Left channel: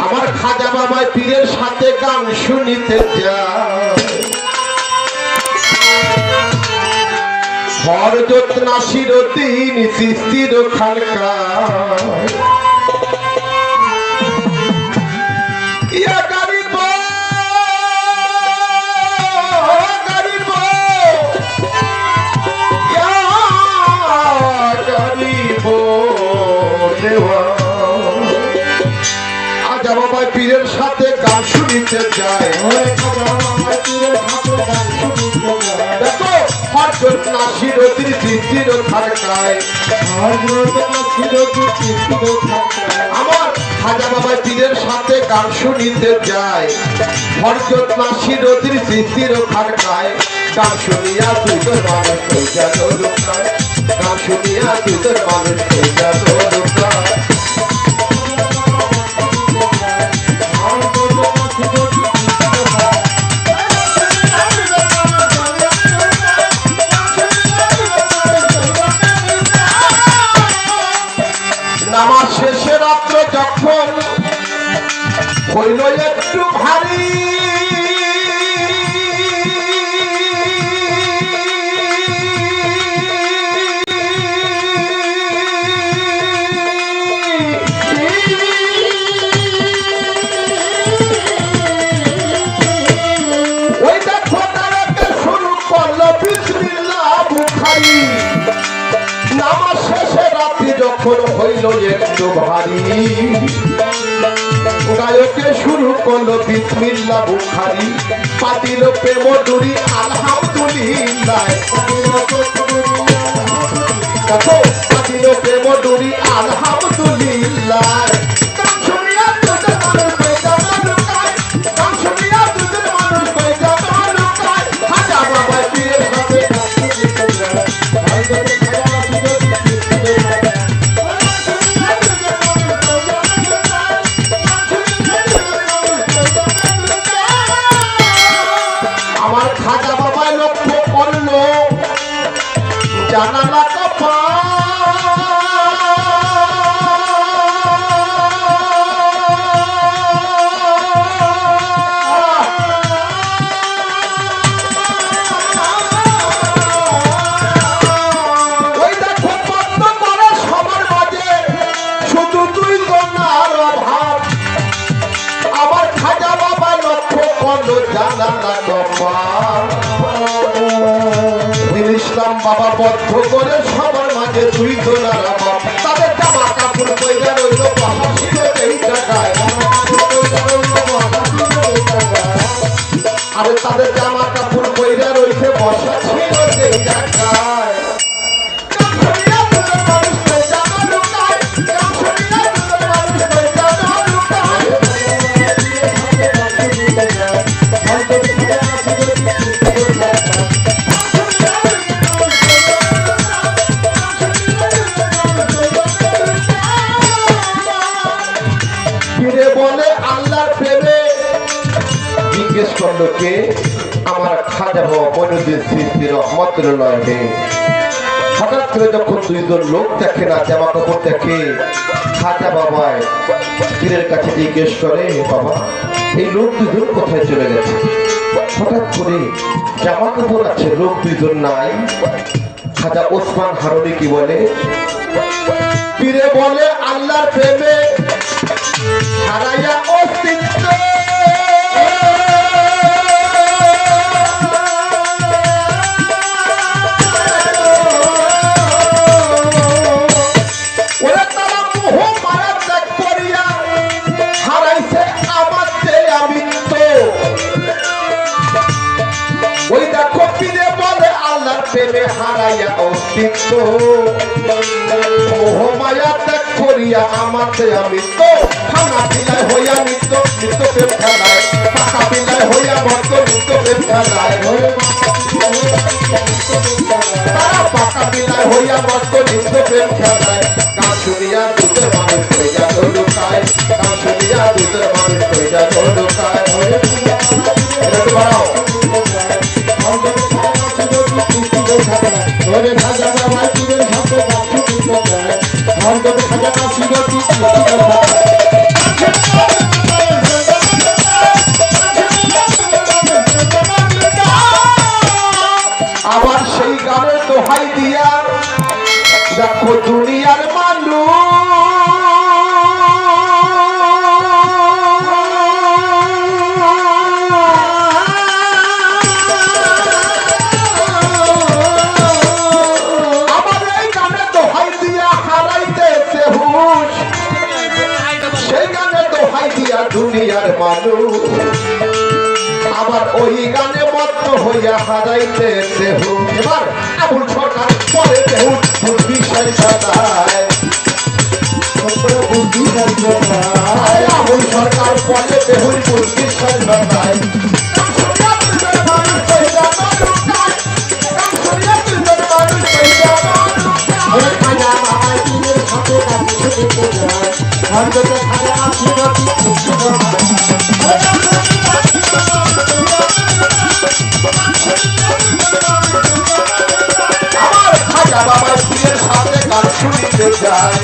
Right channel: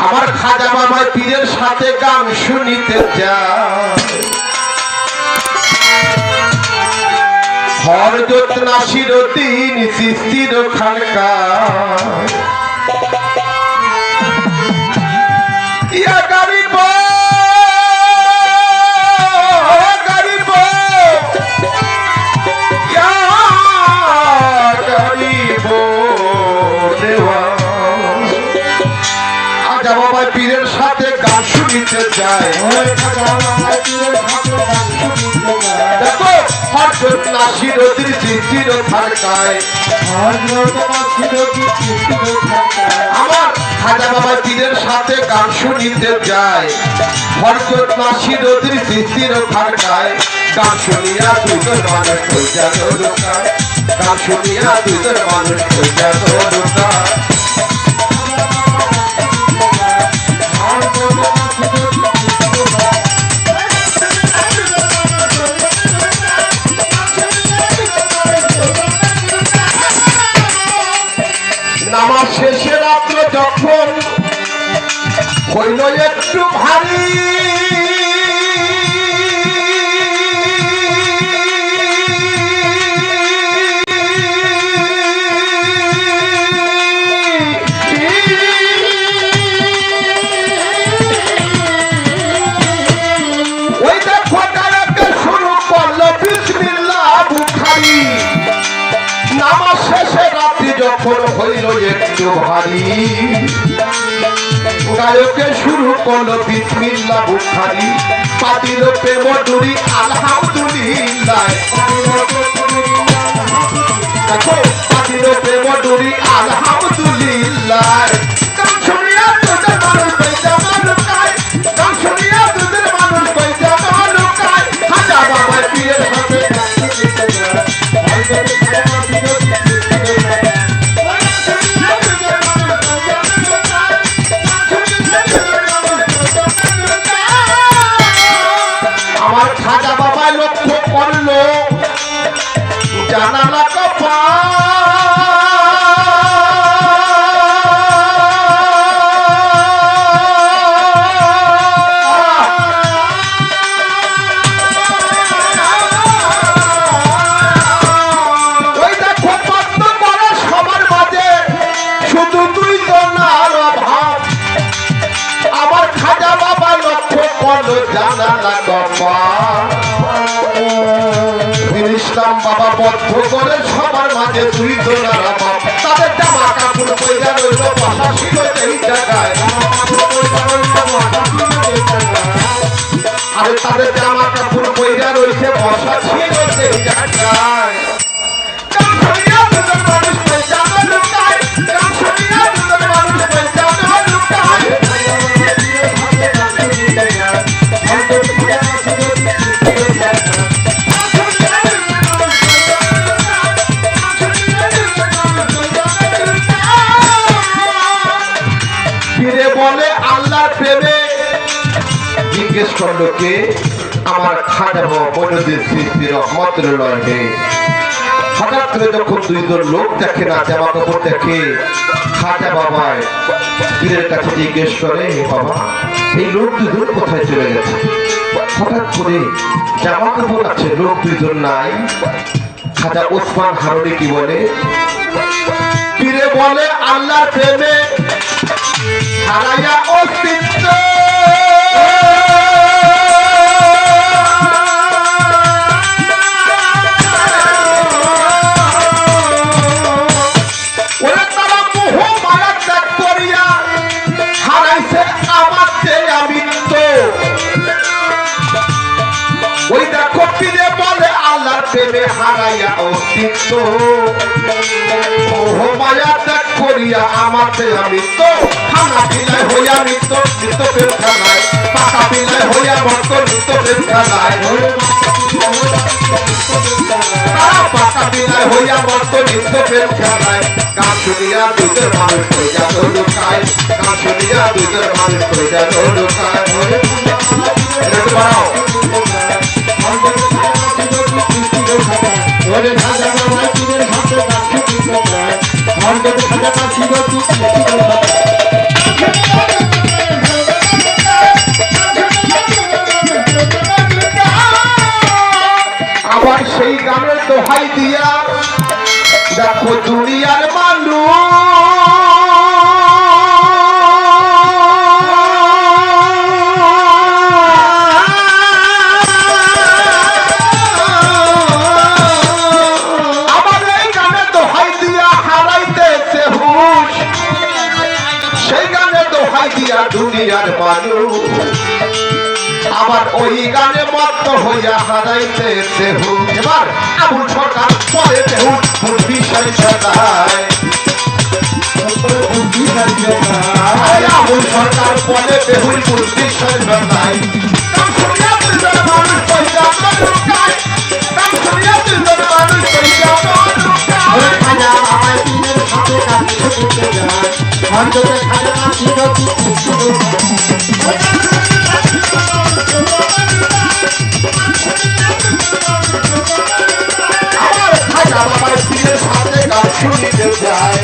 আমার খাজা বাবা পীরের সাথে গান শুনিতে যায় হযরত নাসিরউদ্দিন চিশতির খানকা ইয়া গরিব গরিব ইয়া গরিব দেওয়া খাজা বাবা পীরের সাথে গান শুনিতে যায় দেখো হযরত নাসিরউদ্দিন চিশতির খানকায় আমার খাজা বাবা পীরের সাথে গান শুনিতে যায় হযরত নাসিরউদ্দিন চিশতির খানকায় গান শুনিয়া দুজন মানুষ কইয়া দরকার গান শুনিয়া দুজন মানুষ কইয়া দরকার নামাজ শেষে রাত্র যখন হইল একটু ভারী ওই দেখো গায়কে শুরু করলো বিসমিল্লাহ বুখারী নামাজ শেষে রাত্রি যখন হইল একটু ভারী গায়কে শুরু করলো বিসমিল্লাহ বুখারী পাতিল প্রেম ডুরি আলহামদুলিল্লাহ পাতিল প্রেম ডুরি আলহামদুলিল্লাহ গান শুনিয়া দুজন মানুষ কইতে লুকায় গান শুনিয়া দুজন মানুষ কইতে লুকায় খাজা বাবা পীরের সাথে আমার খাজা বাবা লক্ষ্য করলো জানালা কপা ওই দেখো পদ্ম করে সবার মাঝে শুধু দুই জনার অভাব আমার খাজা বাবা লক্ষ্য করলো জানালা কপা ইসলাম বাবা বদ্ধ করে সবার মাঝে দুই জনার অভাব তাদের জামা কাপড় কইরা রইল বসা ছিল এই জায়গায় আরে তাদের জামা কাপড় কইরা রইছে বসা ছিল এই জায়গায় গান শুনিয়া দুজন মানুষ কইরা লুকায় গান শুনিয়া দুজন মানুষ কইরা লুকায় ফিরে বলে আল্লাহর প্রেমে জিজ্ঞেস করলো কে আমার খাজা বাবা মঈনুদ্দিন চিশতি রহমাতুল্লাহ আলাইহি হঠাৎ করে যখন দুইজন লোক দেখে না জামা কাপড় দেখে খাজা বাবা পীরের কাছে জিজ্ঞেস করে বাবা এই লোক দুজন কোথায় চলে গেছে হঠাৎ করে জামা কাপড় আছে লোক দুইজন নাই খাজা ওসমান হারুনি কি বলে পীরে বলে আল্লাহর প্রেমে হারায়া অস্তিত্ব ওরা তারা মোহ মায়া ত্যাগ করিয়া হারাইছে আমাকে আমিত্ব ওই দেখো পীরে বলে আল্লাহর প্রেমে হারাইয়া অস্তিত্ব মোহ মায়া ত্যাগ করিয়া আমাকে আমিত্ব খানা পিলাই হইয়া নিত্য নিত্য প্রেম খেলায় পাকা পিলাই হইয়া ভক্ত নিত্য প্রেম খেলায় পাকা পিলাই হইয়া ভক্ত নিত্য প্রেম খেলায় গান শুনিয়া দুধের মানুষ কইয়া লুকায় গান শুনিয়া দুধের মানুষ কইয়া লুকায় দোহাই দিয়া দুনিয়ার মানুষ আমার ওই গানে মত হইয়া হারাইতে দেহ এবার আবুল সরকার পরে দেহ বিষয় সদায় আবুল সরকার পরে দেহুর বিষয় সদায় আমার খাজা বাবার পীরের সাথে গান শুনিতে যায়